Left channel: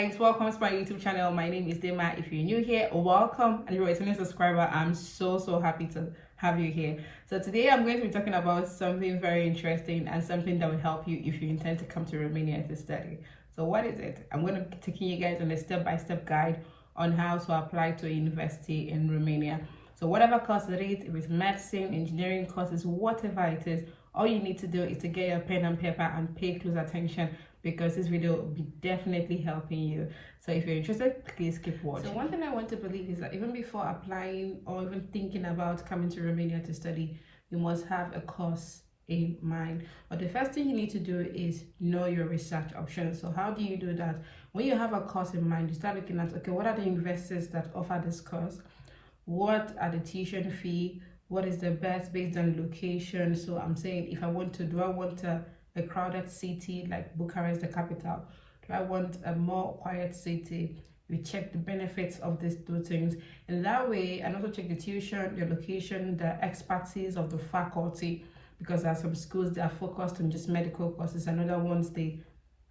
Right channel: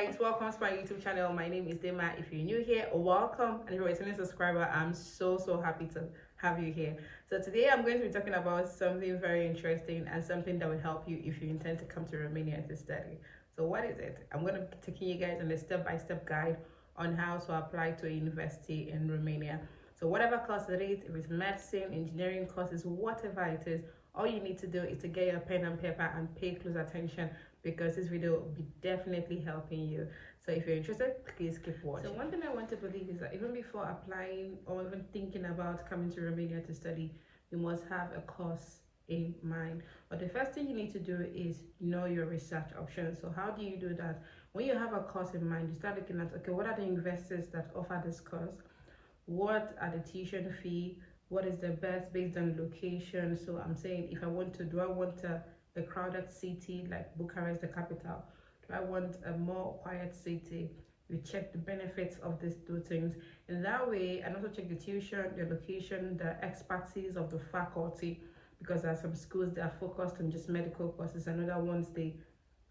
guys, welcome to my YouTube channel. My name is Dema. If you're new here, welcome, and if you're a returning subscriber, I'm so happy to have you here. So today I'm going to be talking about something very interesting and something that will help you if you intend to come to Romania to study. So what is it? I'm going to be taking you guys on a step-by-step guide on how to apply to a university in Romania. So whatever course it is, if it's medicine, engineering courses, whatever it is, all you need to do is to get your pen and paper and pay close attention, because this video will be definitely helping you. So if you're interested, please keep watching. So one thing I want to believe is that even before applying or even thinking about coming to Romania to study, you must have a course in mind. But the first thing you need to do is know your research options. So how do you do that? When you have a course in mind, you start looking at, okay, what are the universities that offer this course? What are the tuition fee? What is the best based on location? So I'm saying, if I want to, do I want a crowded city like Bucharest, the capital? Do I want a more quiet city? You check the benefits of these two things in that way, and also check the tuition, the location, the expertise of the faculty, because there are some schools that are focused on just medical courses, and other ones they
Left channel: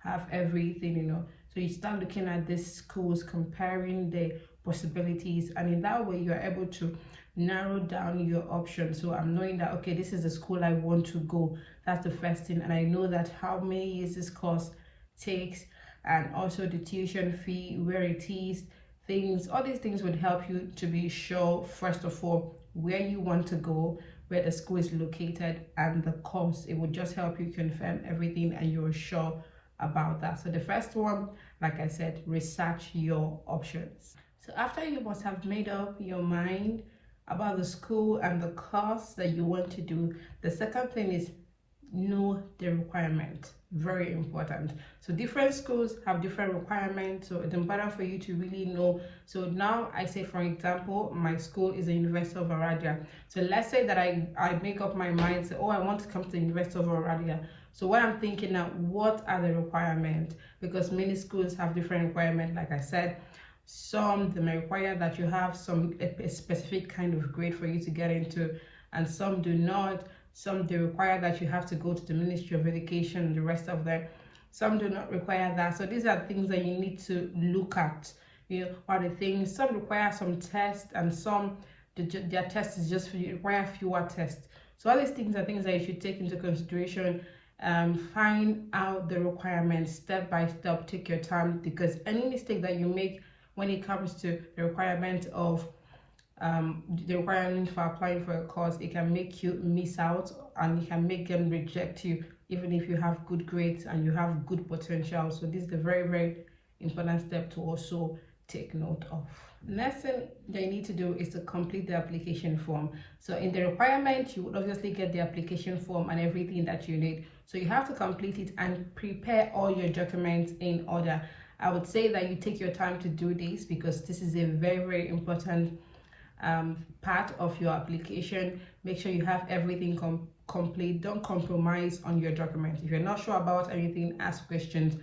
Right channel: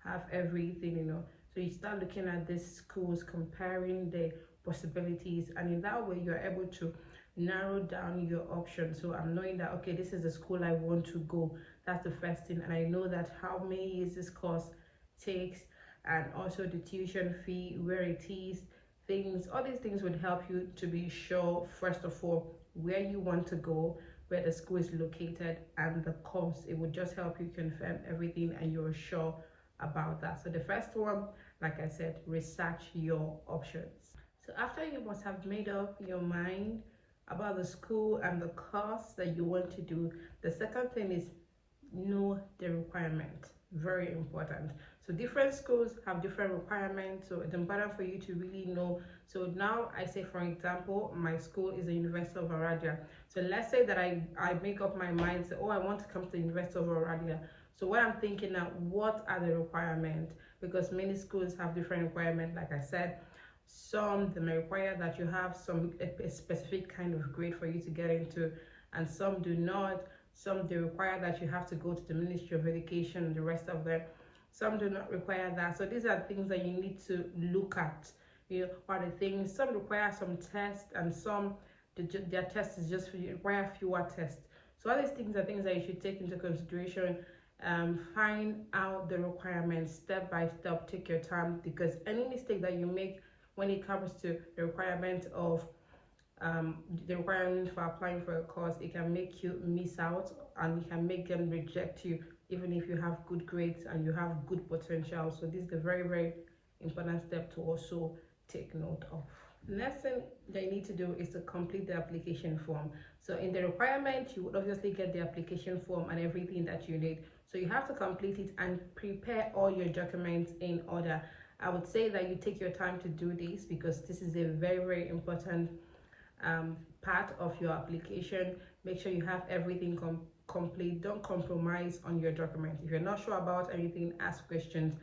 have everything, So you start looking at these schools, comparing the possibilities, and in that way you're able to narrow down your options. So I'm knowing that, okay, this is the school I want to go. That's the first thing. And I know that how many years this course takes, and also the tuition fee, where it is, things, all these things would help you to be sure, first of all, where you want to go, where the school is located, and the course. It would just help you confirm everything and you're sure about that. So the first one, like I said, research your options. So after you must have made up your mind about the school and the course that you want to do, the second thing is know the requirement. Very important. So different schools have different requirements, so it's important for you to really know. So now I say, for example, my school is the University of Oradea. So let's say that I make up my mind, say, oh, I want to come to the University of Oradea. So what I'm thinking now, what are the requirements? Because many schools have different requirements. Like I said, some they may require that you have a specific kind of grade for you to get into, and some do not. Some they require that you have to go to the Ministry of Education, and the rest of them. Some do not require that. So these are things that you need to look at. What are the things? Some require some tests, and some their test is just for you, require fewer tests. So all these things are things that you should take into consideration. Find out the requirements step by step. Take your time, because any mistake that you make when it comes to the requirement of the requirement for applying for a course, it can make you miss out, and it can make them reject you even if you have good grades and you have good potential. So this is a very important step to also take note of. Next thing that you need to do is to complete the application form. So in the requirement, you would obviously get the application form and everything that you need. So you have to complete it and prepare all your documents in order. I would say that you take your time to do this, because this is a very important part of your application. Make sure you have everything complete. Don't compromise on your documents. If you're not sure about anything, ask questions.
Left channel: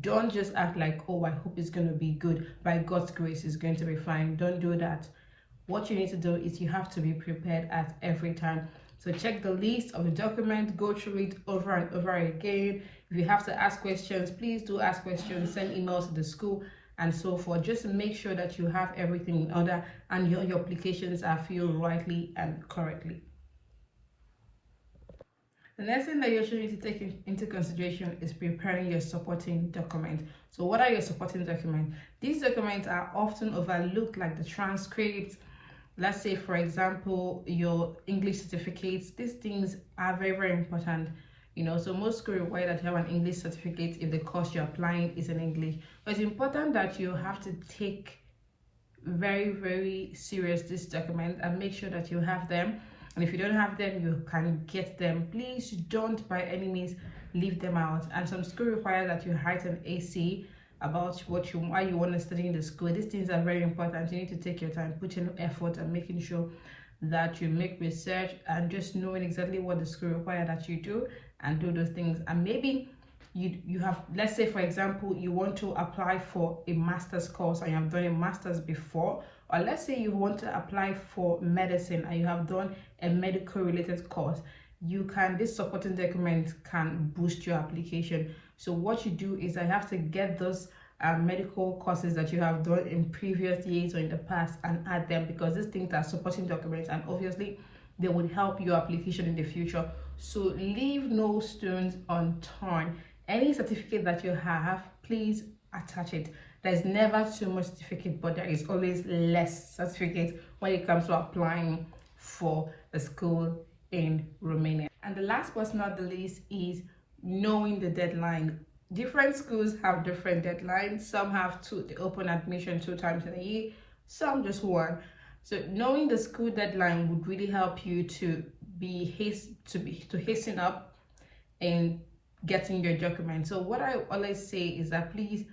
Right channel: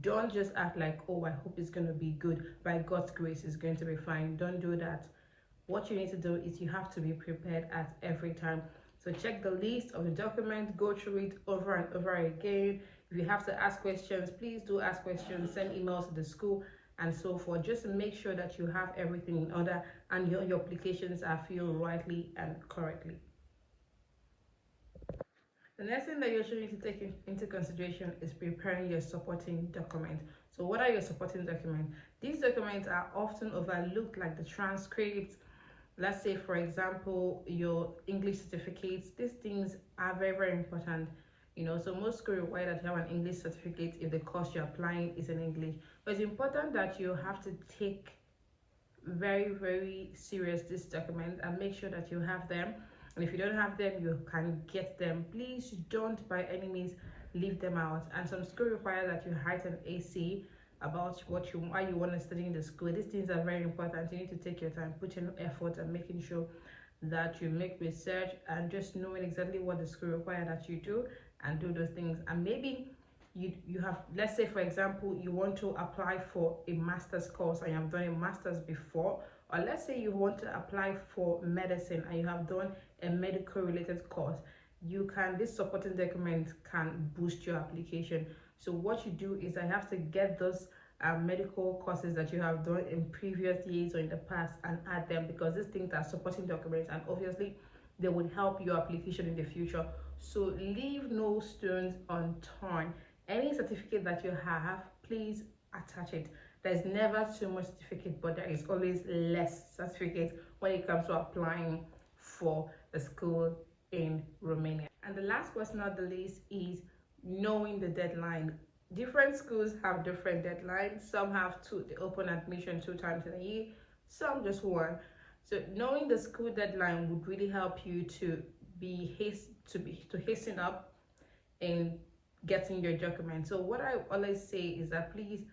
Don't just act like, oh, I hope it's going to be good, by God's grace it's going to be fine. Don't do that. What you need to do is you have to be prepared at every time. So check the list of the document, go through it over and over again. If you have to ask questions, please do ask questions. Send emails to the school and so forth. Just to make sure that you have everything in order and your applications are filled rightly and correctly. The next thing that you should need to take into consideration is preparing your supporting document. So what are your supporting documents? These documents are often overlooked, like the transcripts. Let's say, for example, your English certificates. These things are very important. So most schools require that you have an English certificate if the course you're applying is in English. But it's important that you have to take very serious this document and make sure that you have them. And if you don't have them, you can get them. Please don't by any means leave them out. And some schools require that you write an AC about why you want to study in the school. These things are very important. You need to take your time, put in effort, and making sure that you make research and just knowing exactly what the school require that you do, and do those things. And maybe you have, let's say for example, you want to apply for a master's course and you have done a master's before, or let's say you want to apply for medicine and you have done a medical related course. This supporting document can boost your application. So what you do is I have to get those medical courses that you have done in previous years or in the past and add them, because these things are supporting documents and obviously they would help your application in the future. So leave no stones unturned. Any certificate that you have, please attach it. There's never too much certificate, but there is always less certificate when it comes to applying for a school in Romania. And the last but not the least is knowing the deadline. Different schools have different deadlines. Some have two, they open admission 2 times in a year, some just one. So knowing the school deadline would really help you to hasten up in getting your document. So what I always say is that please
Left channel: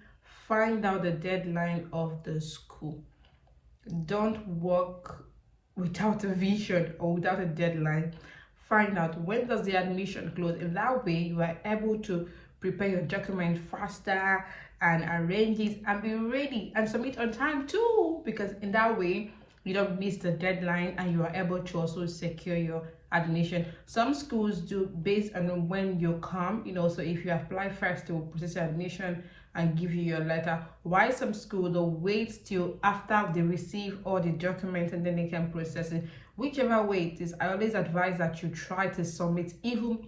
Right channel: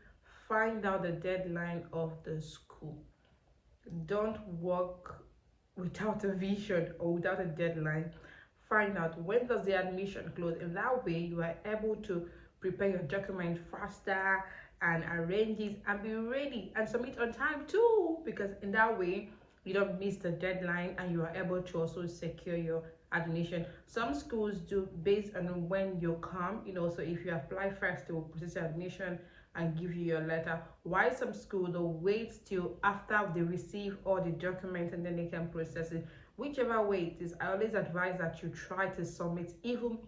find out the deadline of the school. Don't work without a vision or without a deadline. Find out when does the admission close. In that way you are able to prepare your document faster and arrange it and be ready and submit on time too, because in that way you don't miss the deadline and you are able to also secure your admission. Some schools do based on when you come, so if you apply first they will process your admission and give you your letter, while some schools they'll wait till after they receive all the documents and then they can process it. Whichever way it is, I always advise that you try to submit even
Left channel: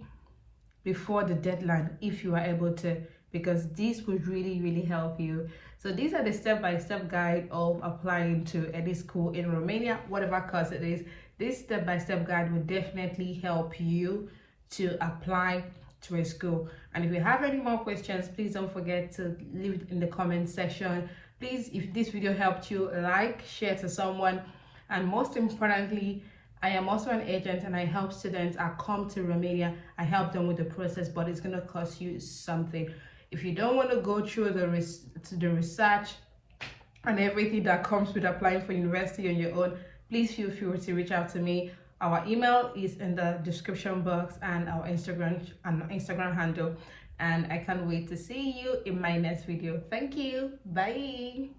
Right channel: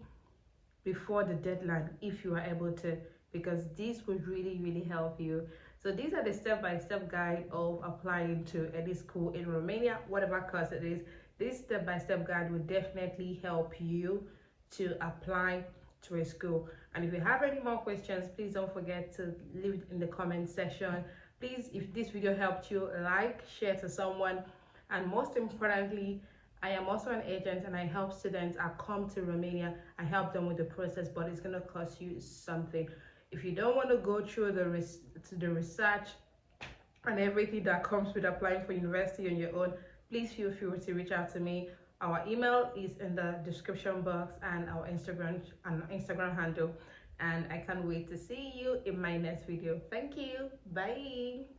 before the deadline if you are able to, because this would really help you. So these are the step-by-step guide of applying to any school in Romania, whatever course it is. This step-by-step guide will definitely help you to apply to a school. And if you have any more questions, please don't forget to leave it in the comment section. Please, if this video helped you, like, share to someone, and most importantly, I am also an agent and I help students. I come to Romania, I help them with the process, but it's going to cost you something. If you don't want to go through the research and everything that comes with applying for university on your own, please feel free to reach out to me. Our email is in the description box and our Instagram handle. And I can't wait to see you in my next video. Thank you. Bye.